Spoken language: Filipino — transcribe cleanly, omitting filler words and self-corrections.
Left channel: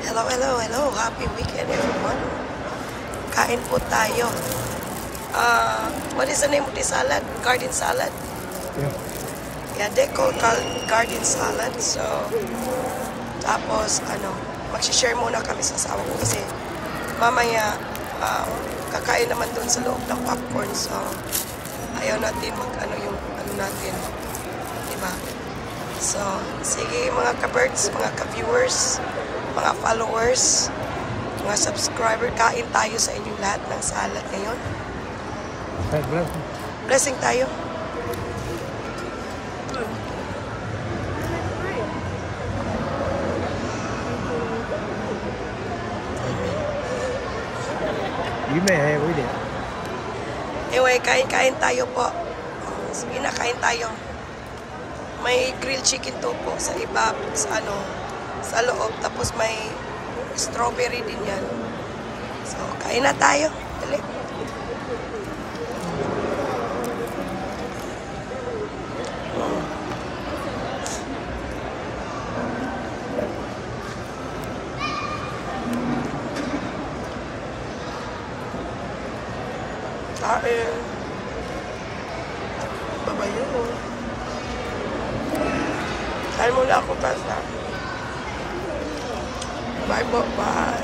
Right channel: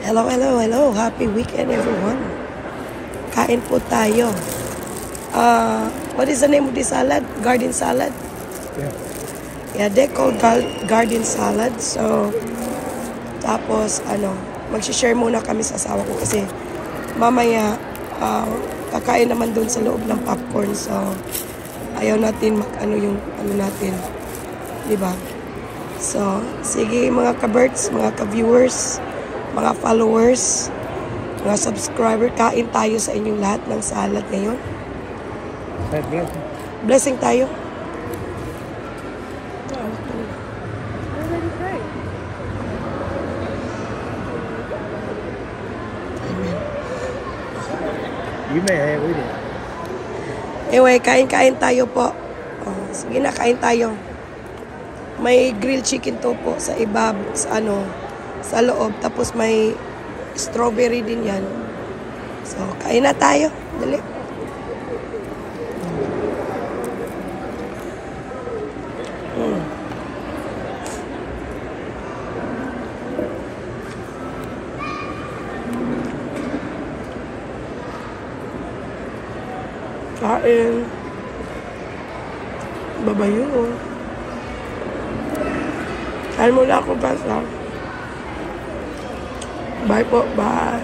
Hello, hello, hello. Happy weekend, everyone. Kain po tayo. What is the name of this salad? Garden salad? Yeah. Yeah, they call garden salad. So, tapos, mag-share muna kami sa asawa ko kasi mamaya, kakain naman doon sa loob ng popcorn. So, ayaw natin yung natin. Diba? So, sige mga ka-birds, mga ka-viewers, mga followers, mga subscriber, kain tayo sa inyong lahat ng salad ngayon. Blessing tayo. You may have with it. Anyway, kain-kain tayo po. Oh, sige na, kain tayo. May grilled chicken to po sa iba, sa loob. Tapos may strawberry din yan. So, kain na tayo. Dali. Kain. Babayo. Kain muna ako, Tasa. Bye po, bye.